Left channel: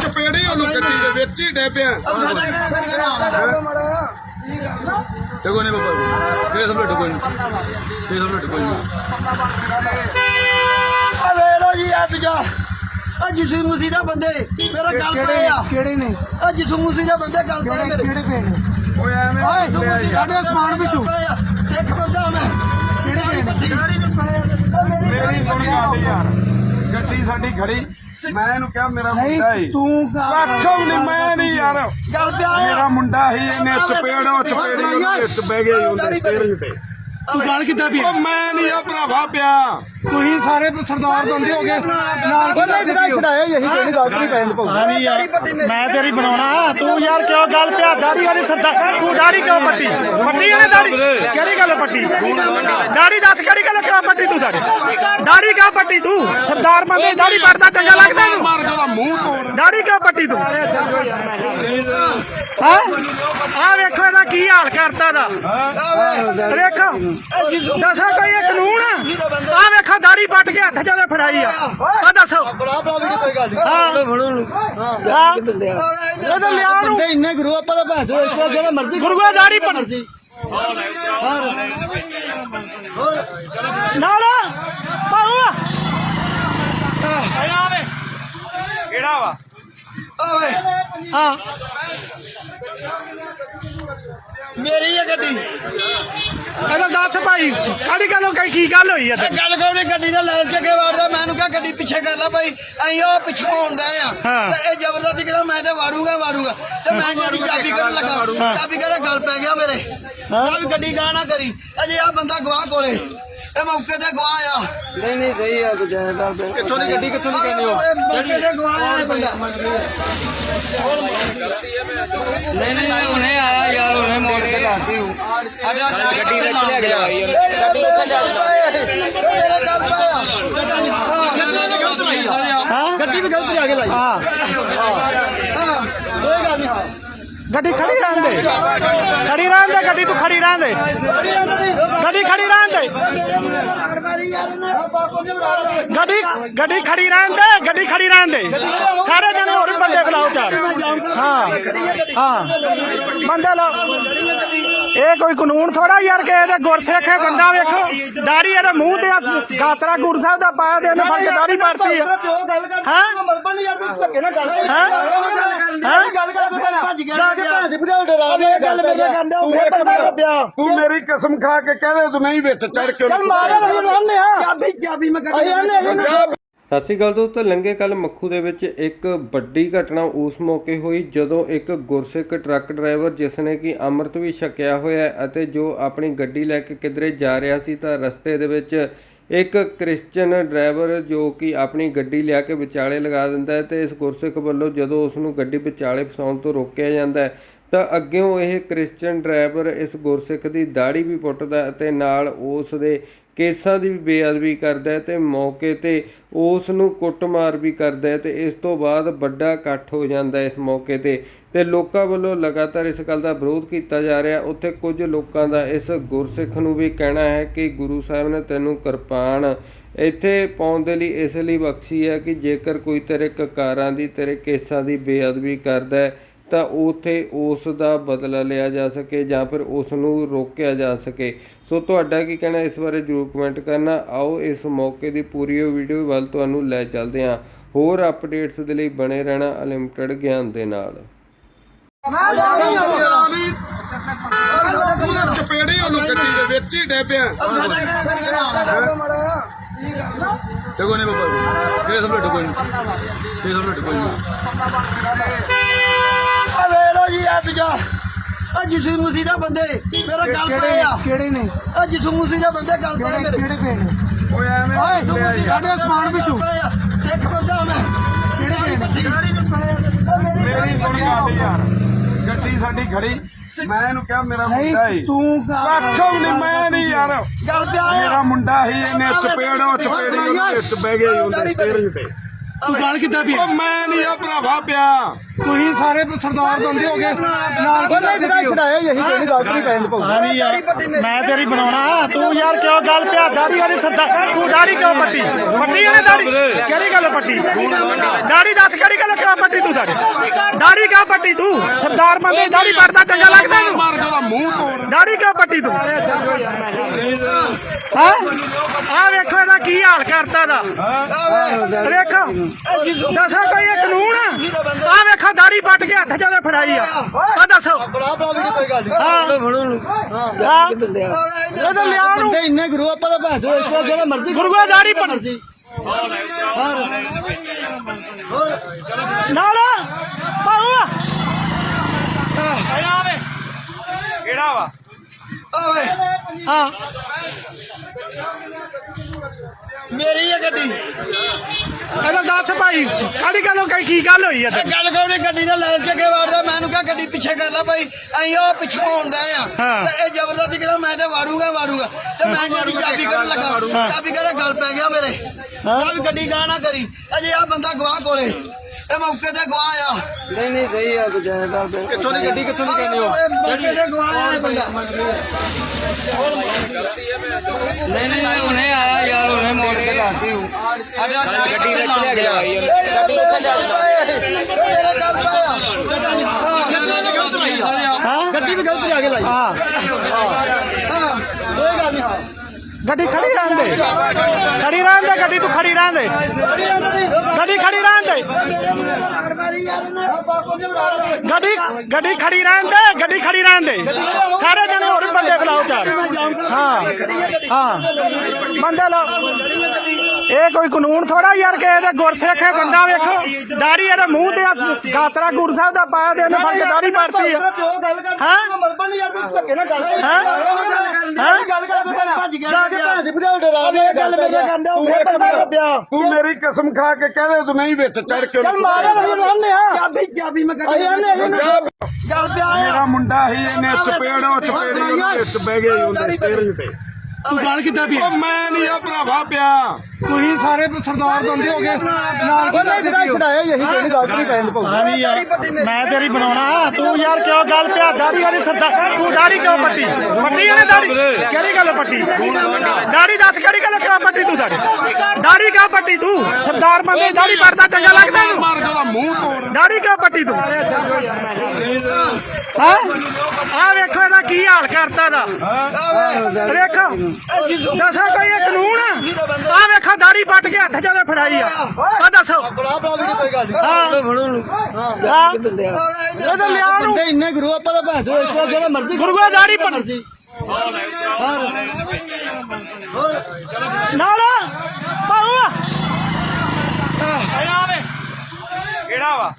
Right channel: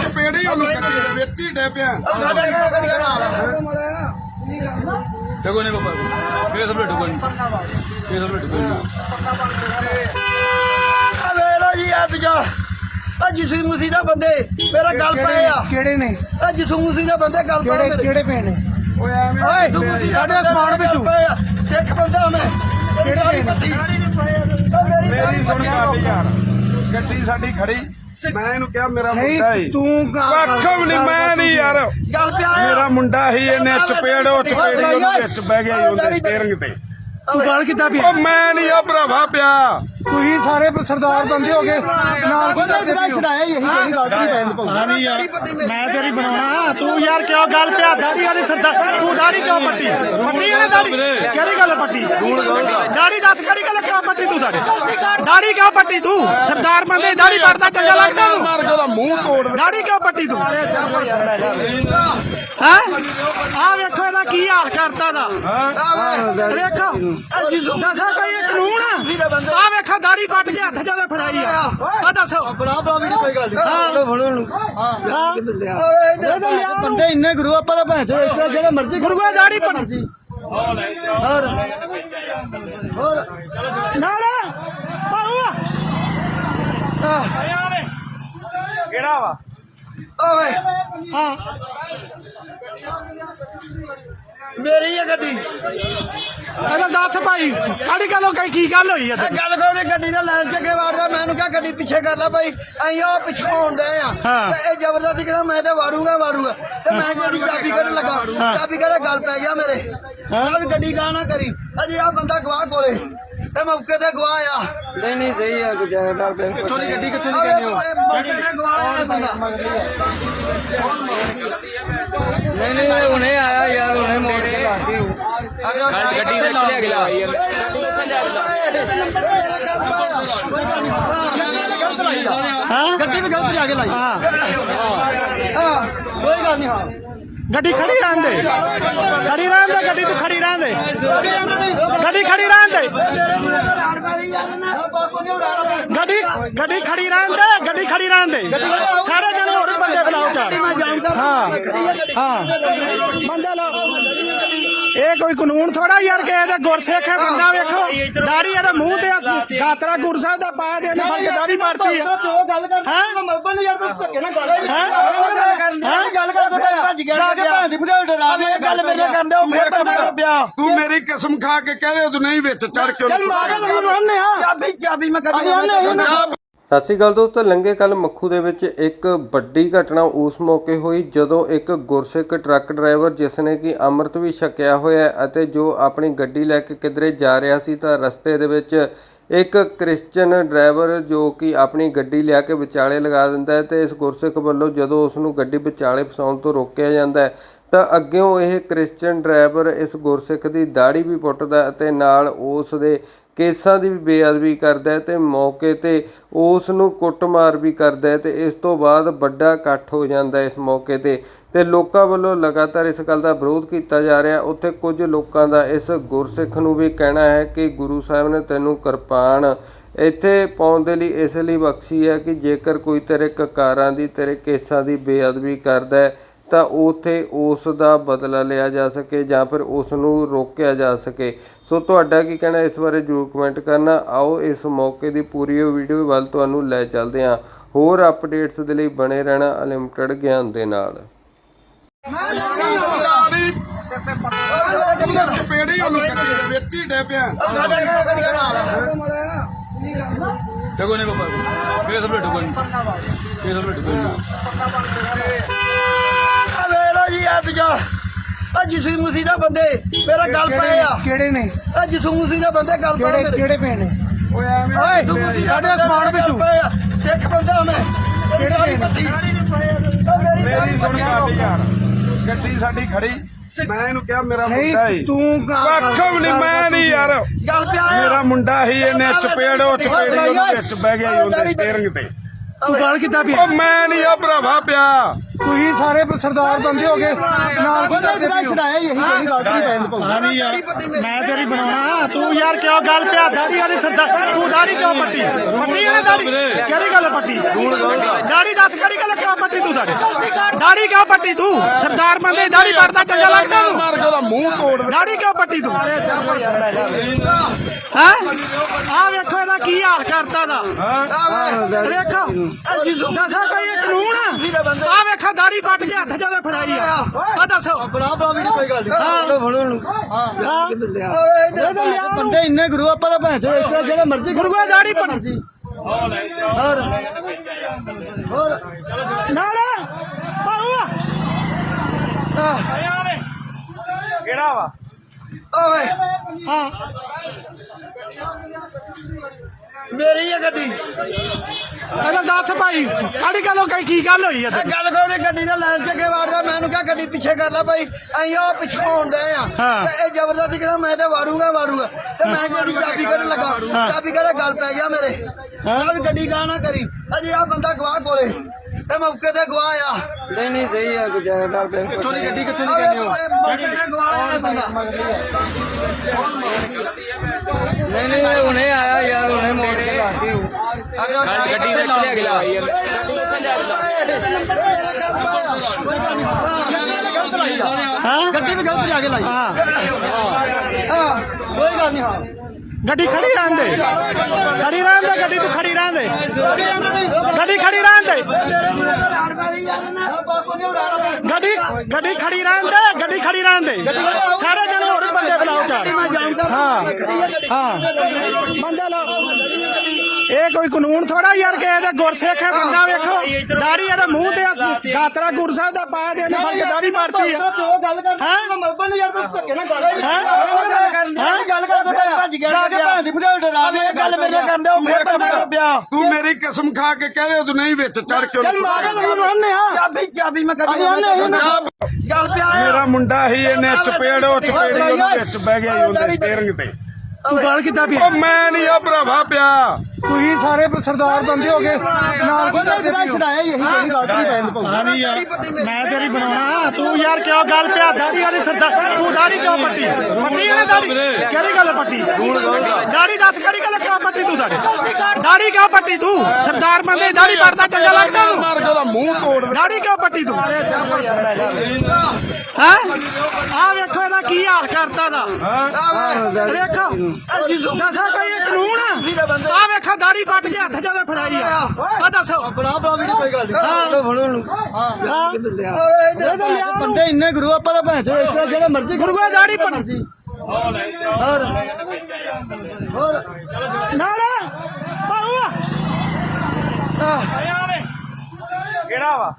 ਚਪੇੜੀ ਉਹਨੂੰ ਗੱਡੀ ਦੇ ਵਿੱਚ ਹੀ ਡੇ ਪਿਆ ਦੇਖੋ ਨਹੀਂ ਬਾਬਾ ਫੇਰ ਸਭ ਲਟਕੋ ਨਹੀਂ ਫੇਰ ਸਭ ਲਟਕੋ ਨਹੀਂ ਆ ਵੇ ਲੋ ਜੀ ਆ ਵਿਚਾਰ ਆ ਜਿਸੂ ਮਸੀਹ ਦਾ ਬੰਦੇ ਮੇਰਾ ਗੱਲ ਪਏ ਆ ਕਿਹੜੇ ਨੇ ਇਹ ਜਿਸੂ ਮਸੀਹ ਦੇ ਬੰਦੇ ਗੱਲ ਪਏ ਕਿਹੜੇ ਮੇਰੇ ਕਿਹੜੇ ਪਿੰਡ ਓਏ ਐਵੇਂ ਸਾਡੇ ਸਮਾਨ ਵੀ ਤੂੰ ਸਿੱਖ ਬੰਦਾ ਮੈਂ ਕਿਹੜੇ ਕਿਹੜੀ ਪਿੰਡ? ਮੇਰੀ ਸੁਣ ਗੱਲ ਯਾਰ ਸਾਡੀ ਖੜੀ। ਮੈਂ ਇਹਨੂੰ ਕਿਹਾ ਮੇਰਾ ਮੁੰਡਾ ਹੀ ਤੂੰ ਕੱਖ ਵੀ ਨਹੀਂ ਮੈਂ ਨਹੀਂ ਯਾਰ। ਮੇਰਾ ਮੁੰਡਾ ਹੀ ਇਹਨੇ ਚਪੇੜੋ ਚਪੇੜੀ ਵਿੱਚ ਬਹਿ ਗਈ ਉਹਦੇ ਸਟੀਅਰਿੰਗ ਤੇ। ਤੂੰ ਗੱਲ ਕਿੱਦਾਂ ਪਿਆ? ਉਹ ਮੈਂ ਨਹੀਂ ਆ ਭਰਾਵਾ ਪਿਆ। ਤੁਸੀਂ ਸਾਰੇ ਸਰਦਾਰ ਬੰਦੇ ਹੋ ਗਏ। ਨਾਲ ਕਿੱਦਾਂ ਸਿਰਾ ਛਡਾਇਆ ਹੀ ਅਸੀਂ ਕੋਈ ਗਲਤ ਨਹੀਂ ਪੈਣ ਮੇਰੀ ਮੈਂ ਤੇਰੀ ਬਣਾਉਣਾ। ਤੂੰ ਯਾਰ ਕਿਉਂ ਗੱਲ ਪਿਆ? ਦਾੜੀ ਵਾਲੀ ਸਰਦਾਰ ਤੂੰ ਦਾੜੀ ਕਿਉਂ ਪੱਟੀ? ਪੱਟੀ ਵਾਲੇ ਦਾੜੀ? ਕਿਹੜੀ ਗੱਲ ਪੱਟੀ? ਦਾੜੀ ਦੱਸ ਕਿਹੜੀ ਗੱਲ ਕਿਉਂ ਪੱਟੀ ਤੂੰ ਦਾੜੀ? ਦਾੜੀ ਕਿਉਂ ਪੱਟੀ ਤੂੰ? ਸਰਦਾਰ ਬੰਦੇ ਦਾੜੀ ਪੱਟਦਾ ਚੰਗਾ ਲੱਗਦਾ ਤੂੰ? ਦਾੜੀ ਕਿਉਂ ਪੱਟੀ ਤੂੰ? ਹੈ? ਆ ਵੇਖੋ ਇਹਦਾ ਕੀ ਹਾਲ ਕਰਤਾ ਦਾ ਵੇਖੋ। ਦੱਸੋ ਕੋਈ ਇਹ ਕਾਨੂੰਨ ਆ? ਆਹ ਵੇਖੋ ਦਾੜੀ ਪੱਟ ਕੇ ਹੱਥ ਜਦੋਂ ਫੜਾਈ ਆ। ਆ ਦੱਸੋ। ਹਾਂ। ਹਾਂ। ਇਹ ਤਾਂ ਲਿਆ ਨੂੰ। ਇੰਨੇ ਗੁਰੂ ਆਪਾਂ ਦਾ ਭੈਣ ਚੋ ਇੱਥੇ ਜਿਹੜੇ ਮਰਜ਼ੀ ਗੁਰੂਆ ਦਾੜੀ ਪੱਟ ਨਾਲ ਪਾਉ ਕਿਹੜਾ ਵਾ? ਓਏ ਹਾਂ। ਮੇਰੀ ਇਹ ਗੱਡੀ। ਇਹਦਾ ਦੱਸ ਭਾਈ ਕਾੜੀ ਗੱਲੋਂ ਕਈ ਕੀ ਗੱਲ ਹੋਈ ਆ ਤੇਰੀ? ਗੱਲ ਕਰੋ ਗੱਡੀ ਦਾ ਲੈਣ ਚੱਕੇ ਵਾੜਦਾ ਮੈਨੂੰ ਕਿਹਾ ਗੱਡੀ ਪਿੱਛੇ ਕਰ ਲੈ ਭਾਈ। ਅਸੀਂ ਉਹ ਪਿੱਛੇ ਹੋਣ ਡਏ ਆ। ਹਾਂ। ਤੇ ਇਹ ਜ਼ਬਰਦਸਤੀ ਕਹਿੰਦਾ ਮੈਂ ਤੇ ਵਾੜੂਗਾ ਵਾੜੂਗਾ। ਤੇ ਮੈਂ ਗੱਡੀ ਚਾਬੀ ਕੱਢ ਲੱਗਾ। ਚਾਬੀ ਕੱਢ ਗੱਲ ਪੈ ਗਿਆ ਮੇਰੇ? ਮੈਂ ਵੀ ਗੱਡੀ ਗਾਹ ਨਾ ਕਰੀ। ਅਜੇ ਆ ਬੰਦਾ ਗਵਾਹ ਕੋਲੇ। ਇਹ ਮੌਕੇ ਤੇ ਗਵਾਹ ਆ। ਨਹੀਂ ਨਹੀਂ ਸਹੀ ਆ ਤੂੰ ਜਾਣਦਾ ਕਿੱਥੋਂ ਦੀ ਗੱਡੀ ਕਿੱਥੋਂ ਇਹ ਮੌਕੇ ਤੇ ਗਵਾਹ ਆ ਇਹ ਬੰਦਾ। ਨਹੀਂ ਨਹੀਂ ਹੁਣੇ ਆਇਆ ਯਾਰ ਹੁਣੇ ਮੋੜ ਕੇ ਲਾਤੀ ਹੂੰ ਗੱਡੀ ਵਿੱਚ ਲੈ ਜਾ ਆਈ ਗੱਡੀ ਵਿੱਚ ਲੈ ਜਾ। ਮੇਰੇ ਗੱਲ ਪਾਇਆ ਹਾਂ। ਗੱਡੀ ਵੀ ਗਲਤ ਲਾ ਕੇ ਲਾਈ। ਹਾਂ। ਹਾਂ। ਕੋਈ ਗੱਲ ਨਹੀਂ। ਹਾਂ ਗੱਡੀ ਖੜੀ ਰਹਿਣ ਦੇ। ਖੜੀ ਰਹਿਣ ਦੇ। ਗੱਡੀ ਤੂੰ ਖੜੀ ਰਹਿਣ ਦੇ। ਗੱਡੀ ਖੜੀ ਰਹਿਣ ਦੇ। ਗੱਡੀ ਗੱਡੀ ਖੜੀ ਰਹਿਣ ਦੇ ਗੱਡੀ ਖੜੀ ਰਹਿਣ ਦੇ। ਸਾਰੇ ਜਣੇ ਹੋਰ ਬੰਦੇ ਬੁਲਾਓ ਚਾਰ ਹਾਂ ਹਾਂ। ਬੰਦੇ ਲਾਓ। ਇਹ ਕੋਈ ਕਾਨੂੰਨ ਥੋੜਾ ਯਾਰ ਕਿ ਇਹਦੇ ਗੁਰਸਿੱਖ ਹੈ ਬੰਦਾ ਵੇਖੋ। ਦਾੜੀ ਇਹਦੇ ਮੂੰਹ ਤੇ ਗਾਤਰਾ ਗੁਰੂ ਸਾਹਿਬ ਦਾ ਪਾਇਆ ਤੇ ਇਹਨੇ ਫੜ ਕੇ ਦਾੜੀ ਪਾੜਤੀ ਆ। ਹਾਂ? ਮਲਬਨ ਯਾਰ ਤੂੰ ਧੱਕੇ ਨਾ ਗੱਲ ਹਾਂ? ਹਾਂ? ਗੱਲ ਕਰਦੇ ਭੱਜ ਗਿਆ ਜਾ ਕੇ ਭੈਣ ਦੀ ਬੁਝਾਲ ਡਰਾ ਦੇ ਗੱਲ ਮੇਰੇ ਕੰਡਾ ਉਹ ਫਿਰ ਕੰਮ ਪਿਆ। ਤੂੰ ਮੇਰੀ ਕਸਮ ਖਾ ਕੇ ਕਹਦੇ ਤੂੰ ਨਹੀਂ ਵਿੱਚ ਚੜ ਕੇ ਚੱਲ ਮਾਰੇ ਨਹੀਂ ਮੰਨਨੇ ਆ ਚਾਬੀ ਚਾਬੀ ਮੈਂ ਕੱਢ ਸਤਿ ਸ਼੍ਰੀ ਅਕਾਲ ਦੋਸਤੋ ਲੰਗੇ ਕੱਲ ਮੱਖੂ ਦੇ ਵਿੱਚ ਇੱਕ ਵੱਡੀ ਘਟਨਾ ਉਸ ਮੌਕੇ ਹੋਈ ਜਦੋਂ ਇੱਕ ਗੁਰਸਿੱਖ ਟਰੱਕ ਡਰਾਈਵਰ ਜਿਸ ਨੇ ਕਿ ਅੰਮ੍ਰਿਤ ਵੀ ਛਕਿਆ ਹੋਇਆ ਹੈ ਅਤੇ ਜੋ ਆਪਣੀ ਗੱਡੀ ਲੈ ਕੇ ਕਿਧਰੇ ਜਾ ਰਿਹਾ ਸੀ ਤਾਂ ਰਸਤੇ ਦੇ ਵਿੱਚ ਇੱਕ ਕ੍ਰਿਸਚੀਅਨ ਡਰਾਈਵਰ ਜੋ ਕਿ ਆਪਣੀ ਗੱਡੀ ਲਿਆ ਕੇ ਵਿਚਾਲੇ ਲਗਾ ਦਿੰਦਾ ਹੈ ਤੇ ਇਸ ਗੁਰਸਿੱਖ ਵੱਲੋਂ ਜਦੋਂ ਉਸ ਨੂੰ ਗੱਡੀ ਵਿਚਾਲੇ ਫਸਾਉਣ ਤੋਂ ਰੋਕਿਆ ਜਾਂਦਾ ਹੈ ਤਾਂ ਅੱਗਿਓਂ ਇਹ ਕ੍ਰਿਸਚਨ ਡਰਾਈਵਰ ਇਸ ਗੁਰਸਿੱਖ ਦੀ ਦਾੜੀ ਵੀ ਪੁੱਟਦਾ ਅਤੇ ਨਾਲ ਉਸ ਦੇ ਕੇਸਾਂ ਦੀ ਵੀ ਬੇਅਦਬੀ ਕਰਦਾ ਹੈ ਤੇ ਮੌਕੇ ਤੇ ਉਸ ਨੂੰ ਕੁੱਟਮਾਰ ਵੀ ਕਰਦਾ ਹੈ ਤੇ ਇਸ ਤੋਂ ਬਾਅਦ ਵੱਡਾ ਇਕੱਠ ਹੋ ਜਾਂਦਾ ਇਸ ਮੌਕੇ ਤੇ। ਤੇ ਲੋਕਾਂ ਵੱਲੋਂ ਲਗਾਤਾਰ ਇਸ ਗੱਲ ਦਾ ਵਿਰੋਧ ਕੀਤਾ ਜਾ ਰਿਹਾ। ਉੱਥੇ ਕੁਝ ਲੋਕਾਂ ਦਾ ਇਸ ਗੁਰਸਿੱਖ ਨੂੰ ਵੀ ਕਹਿਣਾ ਹੈ ਕਿ ਗੁਰੂ ਸਾਹਿਬ ਨੇ ਤੈਨੂੰ ਕਿਰਪਾਨ। ਇੱਥੇ ਪਾਉਣ ਦੇ ਲਈ ਇਸ ਲਈ ਬਖਸ਼ੀ ਹੈ ਕਿ ਜੇਕਰ ਕੋਈ ਤੇਰੇ ਕਕਾਰਾਂ ਦੀ, ਤੇਰੇ ਕੇਸਾਂ ਦੀ ਬੇਅਦਬੀ ਕਰਦਾ ਤਾਂ ਉੱਥੇ ਉਸ ਦਾ ਬਦਲਾ ਲਿਆ ਜਾ ਸਕੇ ਜਾਂ ਫਿਰ ਉਸ ਨੂੰ ਰੋਕਿਆ ਜਾ ਸਕੇ। ਸੋ ਤੁਹਾਡਾ ਕੀ ਕਹਿਣਾ ਇਸ ਬਾਰੇ ਜਰੂਰ ਕਮੈਂਟ ਕਰਨਾ। ਆਓ ਇਸ ਮੌਕੇ ਦੀ ਪੂਰੀ ਵੀਡੀਓ ਵੱਲ ਤੁਹਾਨੂੰ ਲੈ ਚੱਲਦੇ ਹਾਂ। ਹੋਰ ਅਪਡੇਟਸ ਦੇ ਲਈ ਬਣੇ ਰਹਿਣਾ ਅਨਲਿਮਟਿਡ ਗਿਆਨ ਦੇ ਨਾਲ। ਚਪੇੜੀ ਉਹਨੂੰ ਗੱਡੀ ਦੇ ਵਿੱਚ ਹੀ ਡੇ ਪਿਆ ਸਾਡੇ ਨਹੀਂ ਬਾਬਾ ਫੇਰ ਸਭ ਲਟਕੋ ਨਹੀਂ ਫੇਰ ਸਭ ਲਟਕੋ ਨਹੀਂ ਜੀ। ਆ ਜਿਸੂ ਮਸੀਹ ਦਾ ਬੰਦੇ ਮੇਰਾ ਗੱਲ ਪਏ ਆ। ਕਿਹੜੇ ਨੇ? ਇਹ ਜਿਸੂ ਮਸੀਹ ਦੇ ਬੰਦੇ ਗੱਲ ਪਏ ਮੇਰੇ। ਕਿਹੜੇ ਪਿੰਡ ਓਏ ਐਵੇਂ ਓਏ ਸਾਡੇ ਸਮਾਨ ਵੀ ਤੂੰ। ਸਿੱਖ ਬੰਦਾ ਮੈਂ। ਕਿਹੜੀ ਪੱਟੀ ਉਹ ਮੇਰੀ ਮੇਰੀ ਗੱਡੀ ਸੁਣ ਗੱਲ ਯਾਰ। ਗੱਡੀ ਸਾਡੀ ਖੜੀ। ਮੈਂ ਇਹਨੂੰ ਕਿਹਾ ਮੇਰਾ ਮੁੰਡਾ ਨਹੀਂ ਹੀ। ਤੂੰ ਕੱਖ ਵੀ ਨਹੀਂ ਮੈਂ ਨਹੀਂ ਯਾਰ। ਗੱਲ ਪਿਆ ਮੇਰਾ ਮੁੰਡਾ ਹੀ ਇਹਨੇ ਚਪੇੜੋ ਚਪੇੜੀ ਵਿੱਚ ਬਹਿ ਗਈ ਉਹਦੇ ਸਟੀਅਰਿੰਗ ਤੇ। ਤੂੰ ਗੱਲ ਕਿੱਦਾਂ ਪਿਆ? ਮੈਂ ਨਹੀਂ ਆ ਭਰਾਵਾ ਪਿਆ। ਤੁਸੀਂ ਸਾਰੇ ਸਰਦਾਰ ਬੰਦੇ ਹੋਗੇ ਨਾਲ ਉਹਨੇ ਸਿਰਾ ਛਡਾਇਆ ਹੀ ਅਸੀਂ ਕੋਈ ਗਲਤ ਨਹੀਂ ਪੈਣ ਮੇਰੀ ਮੈਂ ਤੇਰੀ ਬਣਾਉਣਾ। ਤੂੰ ਯਾਰ ਕਿਉਂ ਗੱਲ ਪਿਆ? ਦਾੜੀ ਵਾਲੀ ਸਰਦਾਰ ਤੂੰ ਦਾੜੀ ਕਿਉਂ ਪੱਟੀ? ਪੱਟੀ ਇਹਨੇ ਦਾੜੀ? ਕਿਹੜੀ ਗੱਲ ਪੱਟੀ? ਦਾੜੀ ਦੱਸ ਕਿਹੜੀ ਗੱਲ ਕਿਉਂ ਤੂੰ ਦਾੜੀ। ਦਾੜੀ ਕਿਉਂ ਪੱਟੀ ਤੂੰ? ਸਰਦਾਰ ਬੰਦੇ ਦੀ ਦਾੜੀ ਪੱਟਦਾ ਚੰਗਾ ਲੱਗਦਾ ਤੂੰ। ਮਾਰ ਕੇ ਉਹਦਾ ਮੂੰਹ ਤੋੜ। ਦਾੜੀ ਕਿਉਂ ਪੱਟੀ ਤੂੰ? ਹੈ? ਆ ਵੇਖੋ ਇਹਦਾ ਕੀ ਹਾਲ ਕਰਤਾ ਦਾ ਵੇਖੋ। ਦੱਸੋ ਕੋਈ ਇਹ ਕਾਨੂੰਨ? ਆ ਵੇਖੋ ਦਾੜੀ ਪੱਟ ਕੇ ਹੱਥ ਜਦੋਂ ਫੜਾਈ ਆ। ਆ ਦੱਸੋ। ਹਾਂ। ਫੜੋ ਨੂੰ। ਹਾਂ। ਇਹਦਾ ਲਿਆ ਨੂੰ। ਬੰਦੇ ਇੰਨੇ ਗੁਰੂ ਆਪਾਂ ਦਾ ਭੈਣ ਚੋ ਇੱਥੇ ਜਿਹੜੇ ਮਰਜ਼ੀ ਗੁਰੂਆ ਦਾੜੀ ਪੱਟ। ਨਾਲ। ਪਾਉ ਆ ਵੇ। ਕਿਹੜਾ ਵਾ? ਓਏ ਹਾਂ। ਮੇਰੀ ਆ ਗੱਡੀ। ਇਹਦਾ ਦੱਸ ਭਾਈ ਕਾੜੀ ਗੱਲ ਕਈ ਕੀ ਗੱਲ ਹੋਈ ਇਹ ਇੱਥੇ ਗੱਲ ਕੋਨੇ ਗੱਡੀ ਦਾ ਲੈਣ ਚੱਕੇ ਵਾਰਦਾ ਮੈਨੂੰ ਕਿਹਾ ਗੱਡੀ ਪਿੱਛੇ ਕਰ ਲੈ ਭਾਈ। ਅਸੀਂ ਉਹ ਪਿੱਛੇ ਹੁੰਦੇ ਆ। ਹਾਂ। ਤੇ ਇਹ ਜ਼ਬਰਦਸਤੀ ਕਹਿੰਦਾ ਮੈਂ ਤੇ ਵਾੜੂਗਾ ਵਾੜੂਗਾ। ਤੇ ਮੈਂ ਗੱਡੀ ਚਾਬੀ ਕੱਢ ਲੱਗਾ। ਚਾਬੀ ਕੱਢ ਗੱਲ ਪੈ ਗਿਆ ਮੇਰੇ। ਮੈਂ ਵੀ ਗੱਡੀ ਗਾਹ ਨਾ ਕਰੀ। ਅਜੇ ਆ ਬੰਦਾ ਗਵਾਹ ਕੋਲੇ। ਇਹ ਮੌਕੇ ਤੇ ਗਵਾਹ ਆ। ਕਿੱਥੋਂ ਦੀ ਗੱਡੀ ਕਿੱਥੋਂ ਦੀ ਕਹਿੰਦੇ ਹੋ ਇਹ ਮੌਕੇ ਤੇ ਗਵਾਹ ਆ ਇਹ ਬੰਦਾ। ਨਹੀਂ ਨਹੀਂ ਉਹਨੇ ਆਇਆ ਯਾਰ ਉਹਨੇ ਮੋੜ ਕੇ ਲਾਤੀ ਹੂੰ ਉਹ ਗੱਡੀ ਵਿੱਚ ਲੈ ਜਾ ਗੱਡੀ ਵਿੱਚ ਲੈ ਜਾ ਮੇਰੇ ਗੱਲ ਪਾਇਆ ਹਾਂ। ਗੱਡੀ ਵੀ ਗਲਤ ਲਾ ਕੇ ਲਾਈ ਹਾਂ ਹਾਂ ਕੋਈ ਗੱਲ ਨਹੀਂ ਹਾਂ ਗੱਡੀ ਖੜੀ ਰਹਿਣ ਦੇ। ਖੜੀ ਰਹਿਣ ਦੇ ਗੱਡੀ ਤੂੰ ਖੜੀ ਰਹਿਣ ਦੇ। ਗੱਡੀ ਖੜੀ ਰਹਿਣ ਦੇ। ਗੱਡੀ ਗੱਡੀ ਖੜੀ ਰਹਿਣ ਦੇ ਗੱਡੀ ਖੜੀ ਰਹਿਣ ਦੇ। ਸਾਰੇ ਜਣੇ ਹੋਰ ਬੰਦੇ ਬੁਲਾਓ ਚਾਰ। ਹਾਂ ਹਾਂ। ਬੰਦੇ ਲਾਓ ਇਹ ਕੋਈ ਕਾਨੂੰਨ ਥੋੜਾ ਯਾਰ ਕਿ ਇਹਦਾ ਗੁਰਸਿੱਖ ਹੈ ਬੰਦਾ ਵੇਖੋ। ਦਾੜੀ ਇਹਦੇ ਮੂੰਹ ਤੇ ਗਾਤਰਾ ਗੁਰੂ ਸਾਹਿਬ ਦਾ ਪਾਇਆ ਤੇ ਇਹਨੇ ਫੜ ਕੇ ਦਾੜੀ ਪਾੜਤੀ ਕਰ। ਹੈਂ? ਮਲਬਨ ਯਾਰ ਤੂੰ ਧੱਕੇ ਨਾਲ ਗੱਲ ਹੈਂ? ਹਾਂ? ਗੱਲ ਕਰਦੇ ਪਿਆ ਭੱਜ ਗਿਆ ਜਾ ਕੇ ਭੈਣ ਦੀ ਬੁਢਾ ਡਰਾ ਲਿਆ ਗੱਲ ਮੇਰੇ ਕਰਦਾ ਤੂੰ ਮੇਰਾ ਕੰਮ ਕਰ ਪਿਆ ਤੂੰ ਮੇਰੀ ਕਸਮ ਖਾ ਕੇ ਕਹਦੇ ਤੂੰ ਨਹੀਂ ਵਿੱਚ ਚੜ ਕੇ ਚੱਲ ਮਾਰੇ ਨਹੀਂ ਰਹਿੰਦੇ ਆ। ਚਾਬੀ ਚਾਬੀ ਮੈਂ ਪਿਆ। ਮੇਰਾ ਮੁੰਡਾ ਹੀ ਇਹਨੇ ਚਪੇੜੋ ਚਪੇੜੀ ਵਿੱਚ ਬਹਿ ਗਿਆ ਉਹਦੇ ਸਟੀਅਰਿੰਗ ਤੇ। ਤੂੰ ਗੱਲ ਕਿੱਦਾਂ ਪਿਆ ਉਹ ਮੈਂ ਨਹੀਂ ਆ ਭਰਾਵਾ ਪਿਆ। ਤੁਸੀਂ ਸਾਰੇ ਸਰਦਾਰ ਬੰਦੇ ਹੋਗੇ। ਨਾਲ ਉਹਨੇ ਸਿਰਾ ਛਡਾਇਆ ਹੀ ਅਸੀਂ ਕੋਈ ਗਲਤ ਨਹੀਂ ਪੈਣ ਪਾਉਂਦਾ ਮੈਂ ਤੇਰੀ ਬਣਾਉਣਾ। ਤੂੰ ਯਾਰ ਕਿਉਂ ਗੱਲ ਪਿਆ? ਦਾੜੀ ਵਾਲੀ ਸਰਦਾਰ ਤੂੰ ਦਾੜੀ ਕਿਉਂ ਪੱਟੀ? ਪੱਟੀ ਇਹਨੇ ਦਾੜੀ? ਕਿਹੜੀ ਗੱਲ ਪੱਟੀ? ਦਾੜੀ ਦੱਸ ਕਿਹੜੀ ਗੱਲ ਕਿਉਂ ਪੱਟੀ ਤੂੰ ਦਾੜੀ? ਦਾੜੀ ਕਿਉਂ ਪੱਟੀ ਤੂੰ? ਸਰਦਾਰ ਬੰਦੇ ਦਾੜੀ ਪੱਟਦਾ ਚੰਗਾ ਲੱਗਦਾ ਤੂੰ? ਮੂੰਹ ਤੋੜ ਦਾੜੀ ਕਿਉਂ ਪੱਟੀ ਤੂੰ? ਹੈ? ਆ ਵੇਖੋ ਇਹਦਾ ਕੀ ਹਾਲ ਕਰਤਾ ਦਾ ਵੇਖੋ। ਦੱਸੋ ਕੋਈ ਇਹ ਕਾਨੂੰਨ? ਆ ਆ ਵੇਖੋ ਦਾੜੀ ਪੱਟ ਕੇ ਹੱਥ ਜਦੋਂ ਫੜਾਈ ਆ। ਆ ਦੱਸੋ। ਬੜਾ ਬਾਬੀ ਦੀ ਕੋਈ ਗੱਲ ਨਹੀਂ ਹਾਂ। ਫੜੋ ਨੂੰ ਹਾਂ। ਇਹਦਾ ਲਿਆ ਨੂੰ ਬੰਦੇ ਇੰਨੇ ਗੁਰੂ ਆਪਾਂ ਦਾ ਭੈਣ ਚੋ ਇੱਥੇ ਜਿਹੜੇ ਮਰਜ਼ੀ ਗੁਰੂਆ ਦਾੜੀ ਪੱਟ ਨਾਲ। ਪਾਉ ਆ ਕਿਹੜਾ ਵਾ?